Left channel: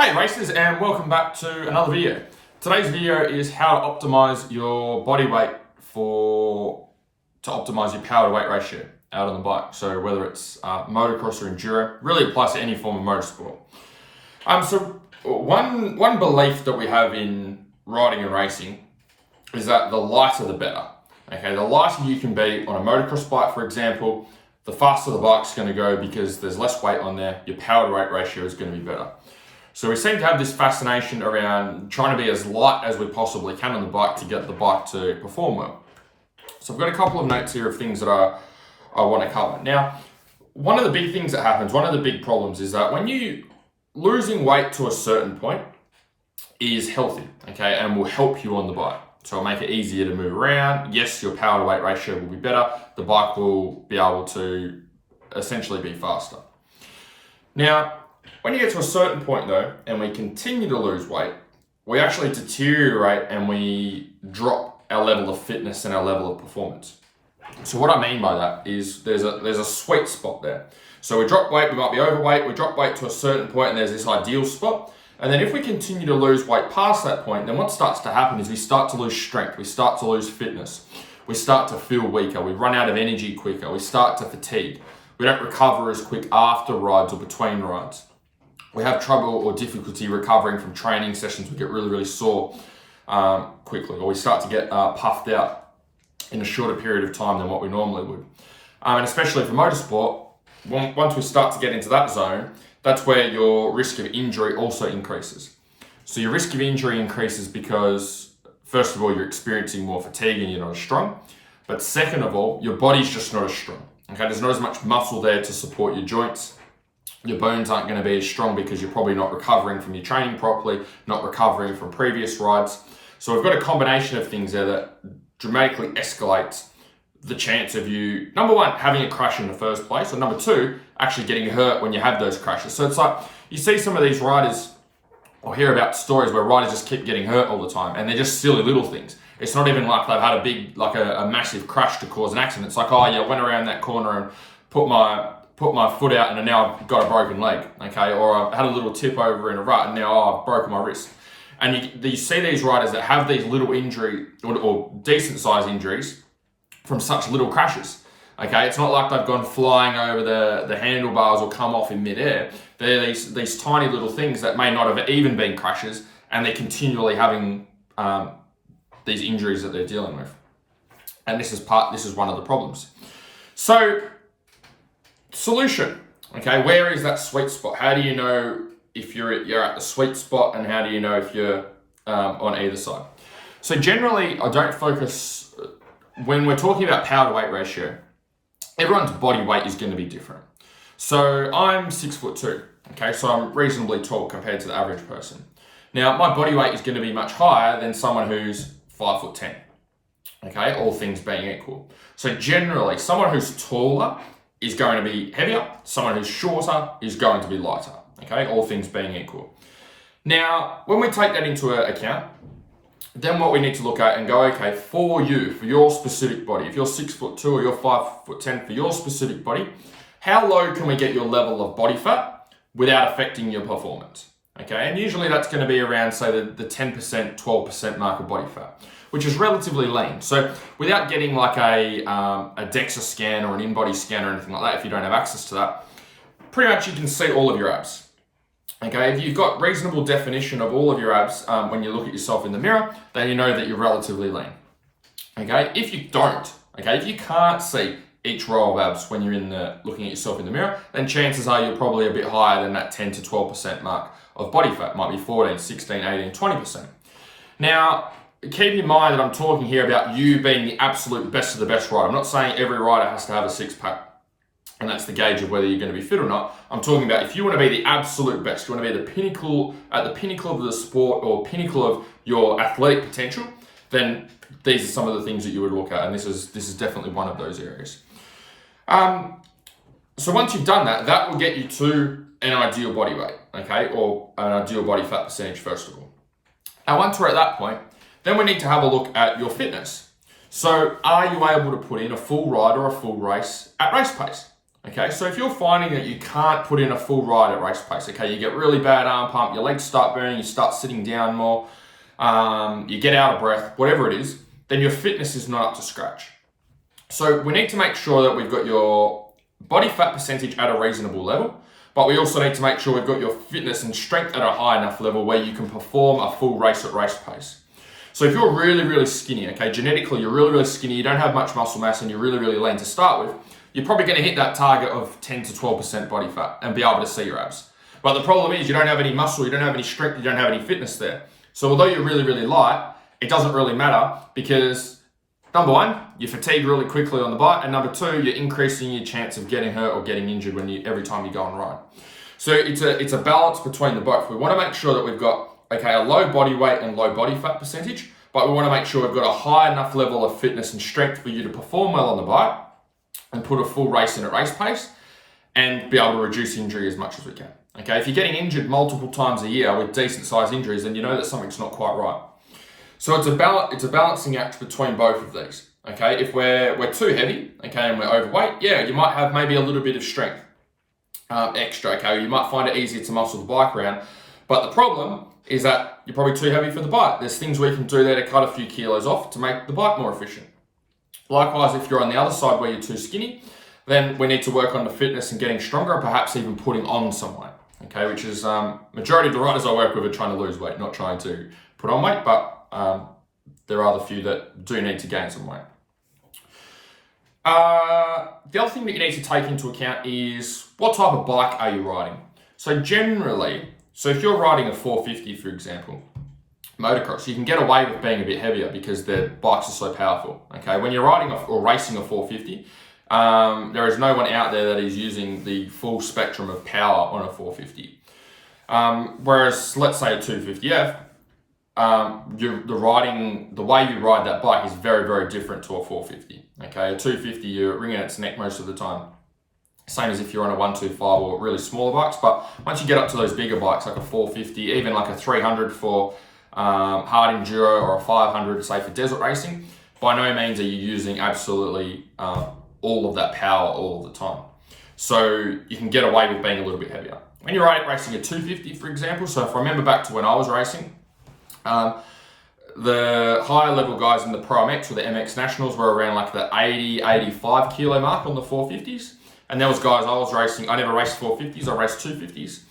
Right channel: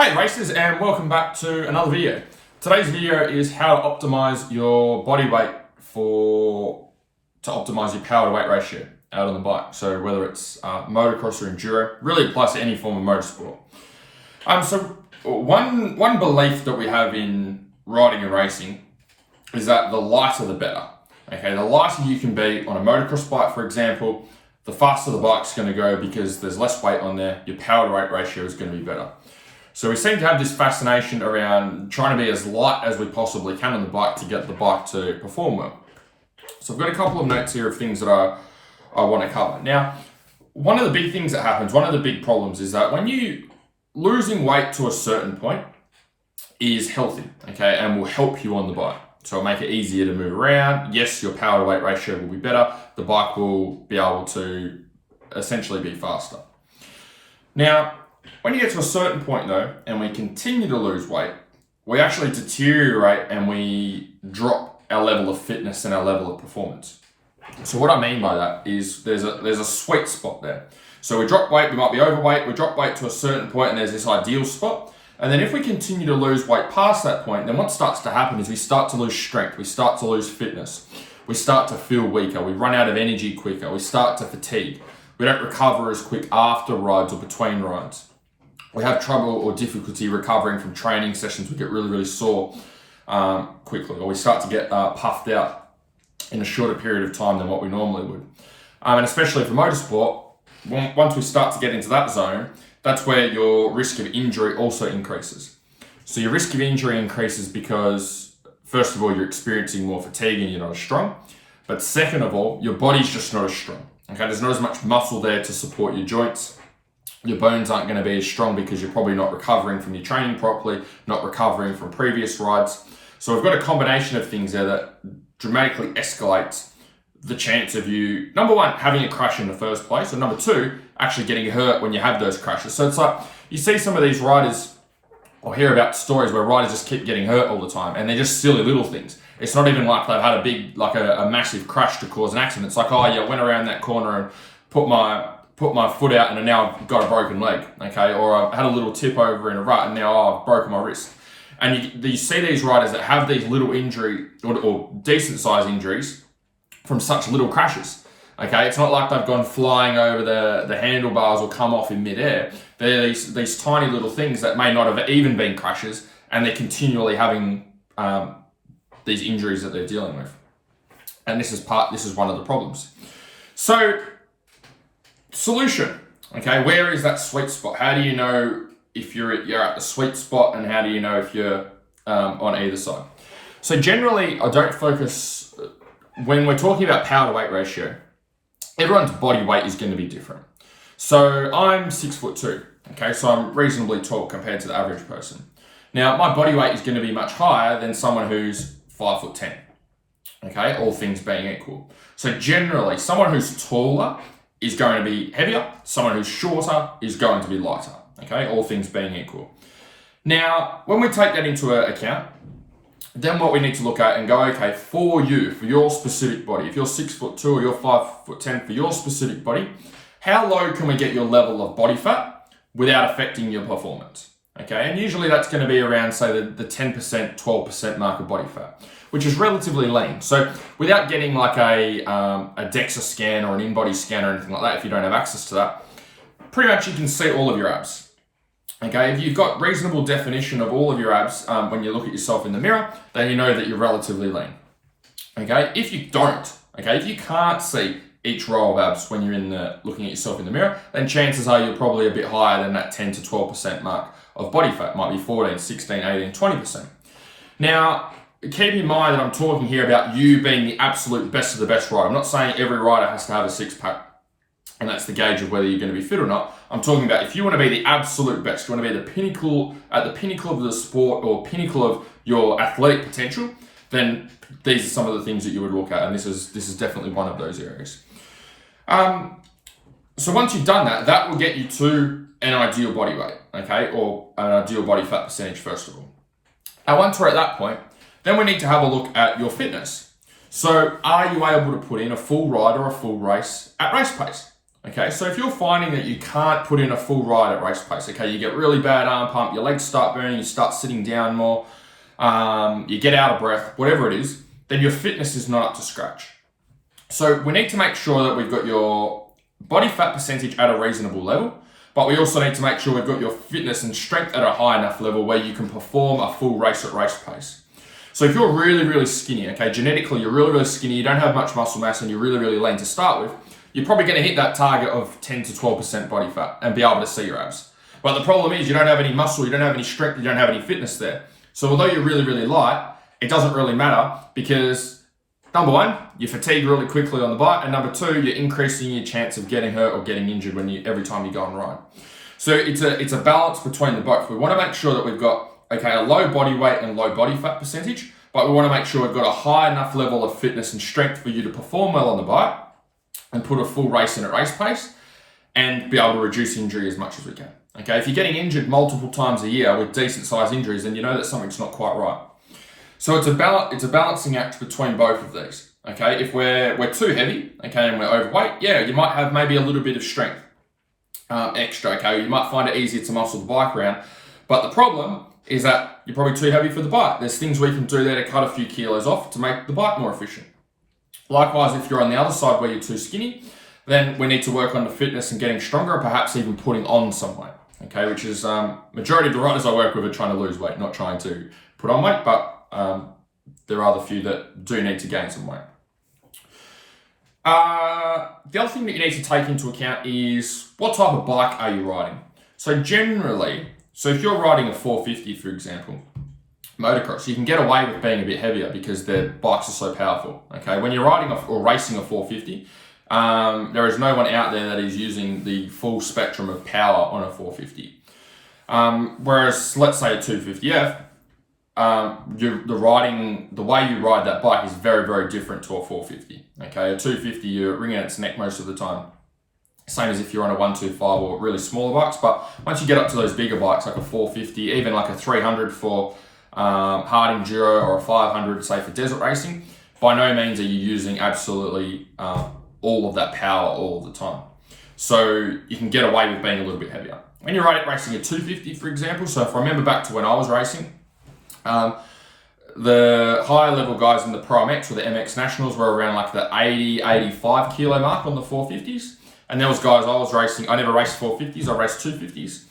Hey racers, and welcome back to another video. Today's video is how to optimize your body weight to optimize your power to weight ratio out on the bike. So whether it's motocross or enduro, really applies to any form of motorsport. So one belief that we have in riding and racing is that the lighter the better. Okay, the lighter you can be on a motocross bike, for example, the faster the bike's going to go because there's less weight on there. Your power to weight ratio is going to be better. So we seem to have this fascination around trying to be as light as we possibly can on the bike to get the bike to perform well. So I've got a couple of notes here of things that I want to cover. Now, one of the big things that happens, one of the big problems is that when you losing weight to a certain point is healthy, okay, and will help you on the bike. So it'll make it easier to move around. Yes, your power to weight ratio will be better. The bike will be able to essentially be faster. Now, when you get to a certain point though, and we continue to lose weight, we actually deteriorate and we drop our level of fitness and our level of performance. So what I mean by that is there's a sweet spot there. So we drop weight, we might be overweight, we drop weight to a certain point and there's this ideal spot. And then if we continue to lose weight past that point, then what starts to happen is we start to lose strength, we start to lose fitness, we start to feel weaker, we run out of energy quicker, we start to fatigue. We don't recover as quick after rides or between rides. We have trouble or difficulty recovering from training sessions. We get really, really sore quickly, or we start to get puffed out in a shorter period of time than what we normally would. And especially for motorsport, once we start to get into that zone, that's where your risk of injury also increases. So your risk of injury increases because, first of all, you're experiencing more fatigue and you're not as strong. But second of all, your body's just not as strong. Okay, there's not as much muscle there to support your joints. Your bones aren't going to be as strong because you're probably not recovering from your training properly, not recovering from previous rides. So we've got a combination of things there that dramatically escalates the chance of you, number one, having a crash in the first place, or number two, actually getting hurt when you have those crashes. So it's like, you see some of these riders, or hear about stories where riders just keep getting hurt all the time, and they're just silly little things. It's not even like they've had a big, like a massive crash to cause an accident. It's like, oh yeah, I went around that corner and put my foot out and now I've got a broken leg, okay? Or I've had a little tip over in a rut and now I've broken my wrist. And you see these riders that have these little injury or decent size injuries from such little crashes, okay? It's not like they've gone flying over the handlebars or come off in midair. They're these tiny little things that may not have even been crashes, and they're continually having these injuries that they're dealing with. And this is one of the problems. So, solution, okay, where is that sweet spot? How do you know if you're at the sweet spot, and how do you know if you're on either side? So generally, I don't focus, when we're talking about power to weight ratio, everyone's body weight is going to be different. So I'm 6'2", okay, so I'm reasonably tall compared to the average person. Now, my body weight is going to be much higher than someone who's 5'10", okay, all things being equal. So generally, someone who's taller is going to be heavier, someone who's shorter is going to be lighter, okay, all things being equal. Now, when we take that into account, then what we need to look at and go, okay, for your specific body, if you're 6'2" or you're 5'10", for your specific body, how low can we get your level of body fat without affecting your performance? Okay, and usually that's going to be around, say, the 10%, 12% mark of body fat, which is relatively lean. So without getting like a DEXA scan or an in-body scan or anything like that, if you don't have access to that, pretty much you can see all of your abs. Okay, if you've got reasonable definition of all of your abs when you look at yourself in the mirror, then you know that you're relatively lean. Okay, if you don't, okay, if you can't see each row of abs when you're looking at yourself in the mirror, then chances are you're probably a bit higher than that 10 to 12% mark of body fat. Might be 14, 16, 18, 20%. Now, keep in mind that I'm talking here about you being the absolute best of the best rider. I'm not saying every rider has to have a six-pack and that's the gauge of whether you're going to be fit or not. I'm talking about if you want to be the absolute best, you want to be at the pinnacle of the sport or pinnacle of your athletic potential, then these are some of the things that you would look at, and this is definitely one of those areas. So once you've done that, that will get you to an ideal body weight, okay, or an ideal body fat percentage first of all. And once we're at that point, then we need to have a look at your fitness. So are you able to put in a full ride or a full race at race pace? Okay, so if you're finding that you can't put in a full ride at race pace, okay, you get really bad arm pump, your legs start burning, you start sitting down more, you get out of breath, whatever it is, then your fitness is not up to scratch. So we need to make sure that we've got your body fat percentage at a reasonable level, but we also need to make sure we've got your fitness and strength at a high enough level where you can perform a full race at race pace. So if you're really, really skinny, okay, genetically you're really, really skinny, you don't have much muscle mass and you're really, really lean to start with, you're probably going to hit that target of 10 to 12% body fat and be able to see your abs. But the problem is you don't have any muscle, you don't have any strength, you don't have any fitness there. So although you're really, really light, it doesn't really matter because number one, you fatigue really quickly on the bike, and number two, you're increasing your chance of getting hurt or getting injured every time you go on ride. So it's a balance between the both. We want to make sure that we've got a low body weight and low body fat percentage, but we want to make sure we've got a high enough level of fitness and strength for you to perform well on the bike and put a full race in at race pace and be able to reduce injury as much as we can. Okay, if you're getting injured multiple times a year with decent sized injuries, then you know that something's not quite right. So it's a balancing act between both of these. Okay, if we're too heavy, okay, and we're overweight, yeah, you might have maybe a little bit of strength extra. Okay, you might find it easier to muscle the bike around, but the problem is that you're probably too heavy for the bike. There's things we can do there to cut a few kilos off to make the bike more efficient. Likewise, if you're on the other side where you're too skinny, then we need to work on the fitness and getting stronger, or perhaps even putting on some weight. Okay, which is majority of the riders I work with are trying to lose weight, not trying to put on weight, but there are the few that do need to gain some weight. The other thing that you need to take into account is what type of bike are you riding? So generally, if you're riding a 450, for example, motocross, you can get away with being a bit heavier because the bikes are so powerful. Okay, when you're riding or racing a 450, there is no one out there that is using the full spectrum of power on a 450. Whereas, let's say a 250F, the way you ride that bike is very, very different to a 450. Okay, a 250, you're wringing its neck most of the time. Same as if you're on a 125 or really smaller bikes. But once you get up to those bigger bikes, like a 450, even like a 300 for hard enduro or a 500, say for desert racing, by no means are you using absolutely all of that power all the time. So you can get away with being a little bit heavier. When you're racing a 250, for example, so if I remember back to when I was racing, the higher level guys in the Pro MX or the MX Nationals were around like the 80, 85 kilo mark on the 450s. And there was guys I was racing, I never raced 450s, I raced 250s.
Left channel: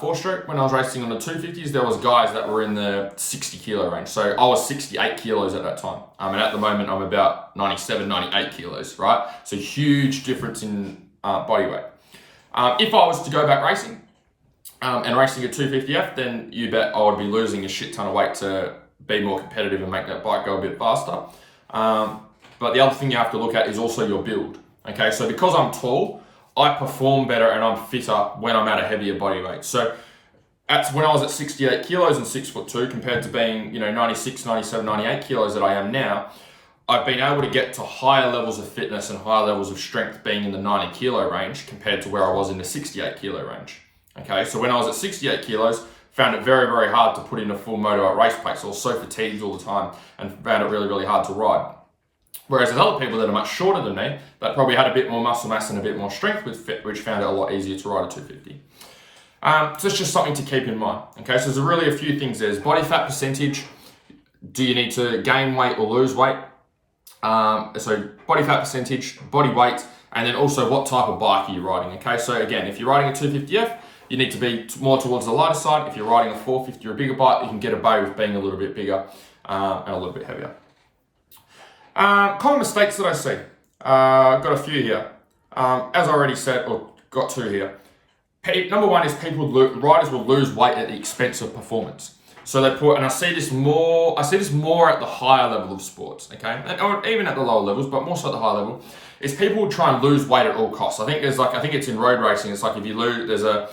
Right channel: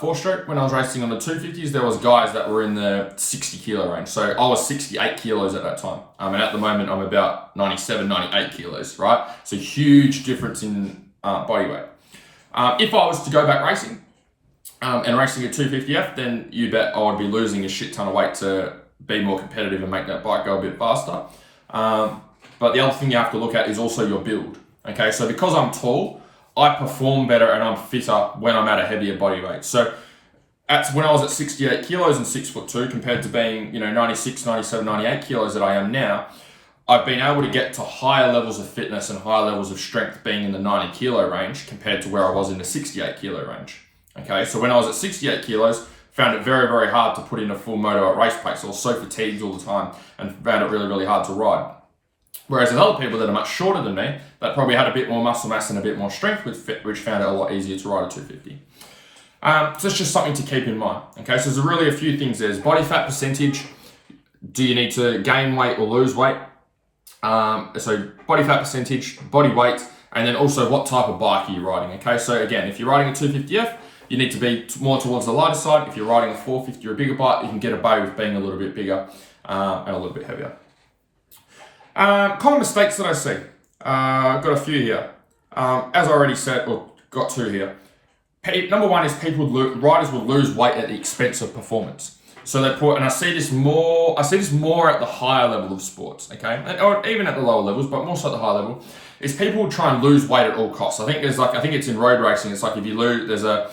Four stroke, when I was racing on the 250s, there was guys that were in the 60 kilo range. So I was 68 kilos at that time. And at the moment, I'm about 97, 98 kilos, right? So huge difference in body weight. If I was to go back racing and racing a 250F, then you bet I would be losing a shit ton of weight to be more competitive and make that bike go a bit faster. But the other thing you have to look at is also your build. Okay, so because I'm tall, I perform better and I'm fitter when I'm at a heavier body weight. So when I was at 68 kilos and 6'2", compared to being 96, 97, 98 kilos that I am now, I've been able to get to higher levels of fitness and higher levels of strength being in the 90 kilo range compared to where I was in the 68 kilo range. Okay, so when I was at 68 kilos, found it very, very hard to put in a full moto at race pace. I was so fatigued all the time and found it really, really hard to ride. Whereas there's other people that are much shorter than me that probably had a bit more muscle mass and a bit more strength, which found it a lot easier to ride a 250. So it's just something to keep in mind. Okay, so there's really a few things. There's body fat percentage. Do you need to gain weight or lose weight? So body fat percentage, body weight, and then also what type of bike are you riding? Okay, so again, if you're riding a 250F, you need to be more towards the lighter side. If you're riding a 450 or a bigger bike, you can get away with being a little bit bigger and a little bit heavier. Common mistakes that I see. I've got a few here. As I already said, or got two here. Number one is riders will lose weight at the expense of performance. So they put, and I see this more at the higher level of sports, okay? Or even at the lower levels, but more so at the high level, is people will try and lose weight at all costs. I think it's in road racing, it's like if you lose, there's a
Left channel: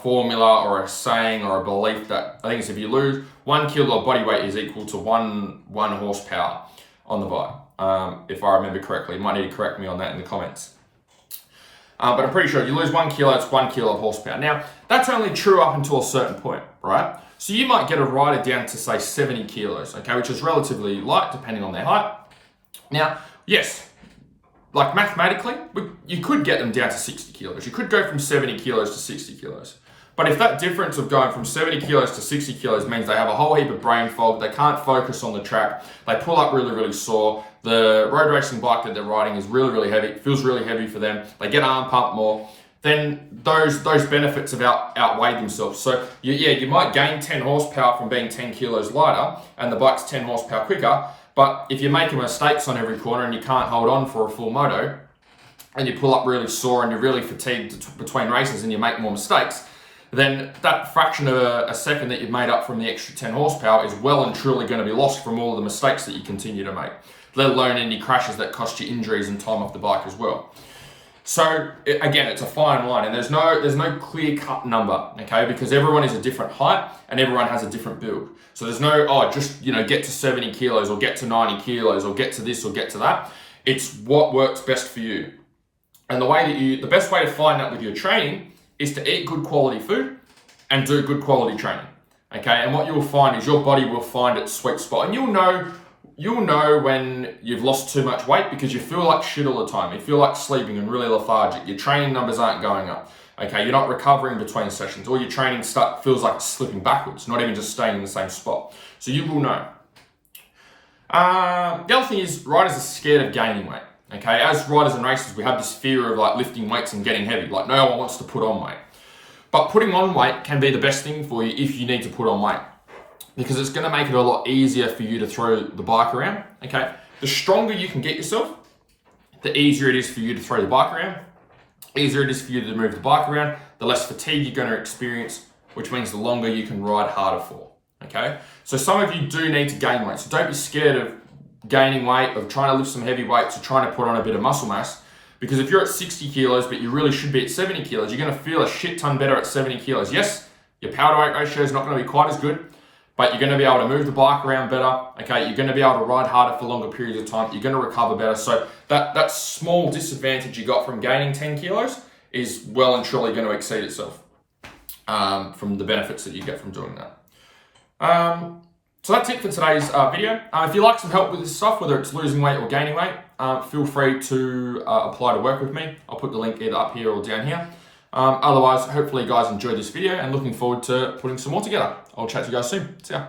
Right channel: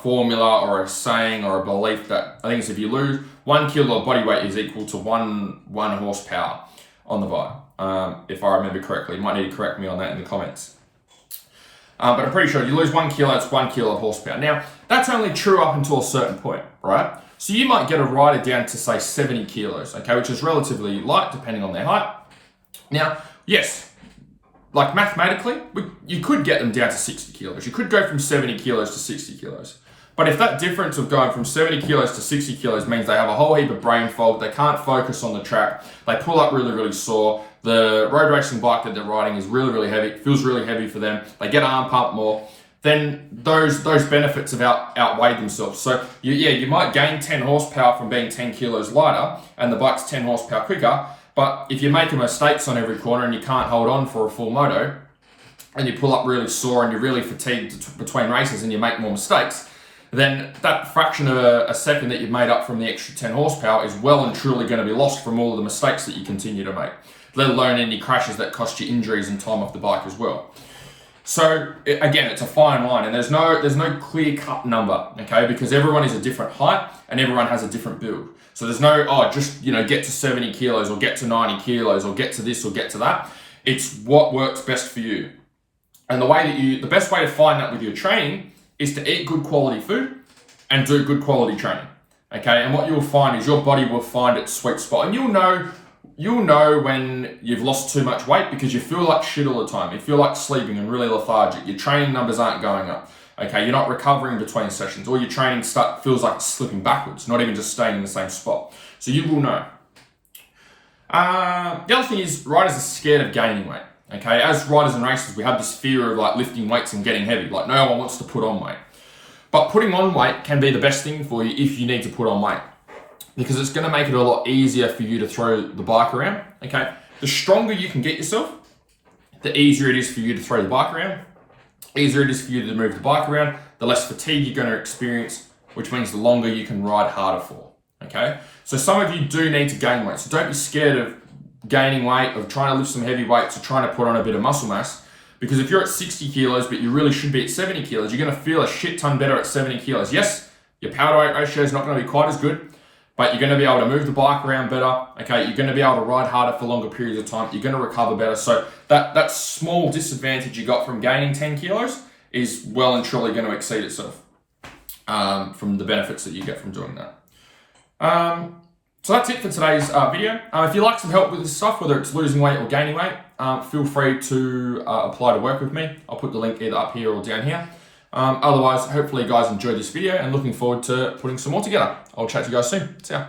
formula or a saying or a belief that I think it's if you lose 1 kilo of body weight is equal to one horsepower on the bike. If I remember correctly, you might need to correct me on that in the comments. But I'm pretty sure you lose 1 kilo, it's 1 kilo of horsepower. Now, that's only true up until a certain point, right? So you might get a rider down to say 70 kilos, okay, which is relatively light depending on their height. Now, yes, like mathematically, you could get them down to 60 kilos. You could go from 70 kilos to 60 kilos. But if that difference of going from 70 kilos to 60 kilos means they have a whole heap of brain fog, they can't focus on the track, they pull up really, really sore, the road racing bike that they're riding is really, really heavy, it feels really heavy for them, they get arm pump more, then those benefits have outweighed themselves. So you might gain 10 horsepower from being 10 kilos lighter and the bike's 10 horsepower quicker, but if you're making mistakes on every corner and you can't hold on for a full moto, and you pull up really sore and you're really fatigued between races and you make more mistakes, then that fraction of a second that you've made up from the extra 10 horsepower is well and truly going to be lost from all of the mistakes that you continue to make, let alone any crashes that cost you injuries and time off the bike as well. So again, it's a fine line, and there's no clear-cut number, okay? Because everyone is a different height and everyone has a different build. So there's no, just get to 70 kilos or get to 90 kilos or get to this or get to that. It's what works best for you. And the best way to find that with your training is to eat good quality food and do good quality training, okay? And what you'll find is your body will find its sweet spot, and you'll know when you've lost too much weight because you feel like shit all the time. You feel like sleeping and really lethargic. Your training numbers aren't going up, okay? You're not recovering between sessions. All your training feels like it's slipping backwards, not even just staying in the same spot. So you will know. The other thing is riders are scared of gaining weight. Okay, as riders and racers, we have this fear of like lifting weights and getting heavy. Like no one wants to put on weight. But putting on weight can be the best thing for you if you need to put on weight, because it's going to make it a lot easier for you to throw the bike around. Okay, the stronger you can get yourself, the easier it is for you to throw the bike around, easier it is for you to move the bike around, the less fatigue you're going to experience, which means the longer you can ride harder for. Okay, so some of you do need to gain weight, so don't be scared of gaining weight, of trying to lift some heavy weights, or trying to put on a bit of muscle mass, because if you're at 60 kilos but you really should be at 70 kilos, you're going to feel a shit ton better at 70 kilos. Yes, your power to weight ratio is not going to be quite as good, but you're going to be able to move the bike around better, okay? You're going to be able to ride harder for longer periods of time, you're going to recover better. So that small disadvantage you got from gaining 10 kilos is well and truly going to exceed itself from the benefits that you get from doing that. So that's it for today's video. If you'd like some help with this stuff, whether it's losing weight or gaining weight, feel free to apply to work with me. I'll put the link either up here or down here. Otherwise, hopefully you guys enjoyed this video and looking forward to putting some more together. I'll chat to you guys soon. See ya.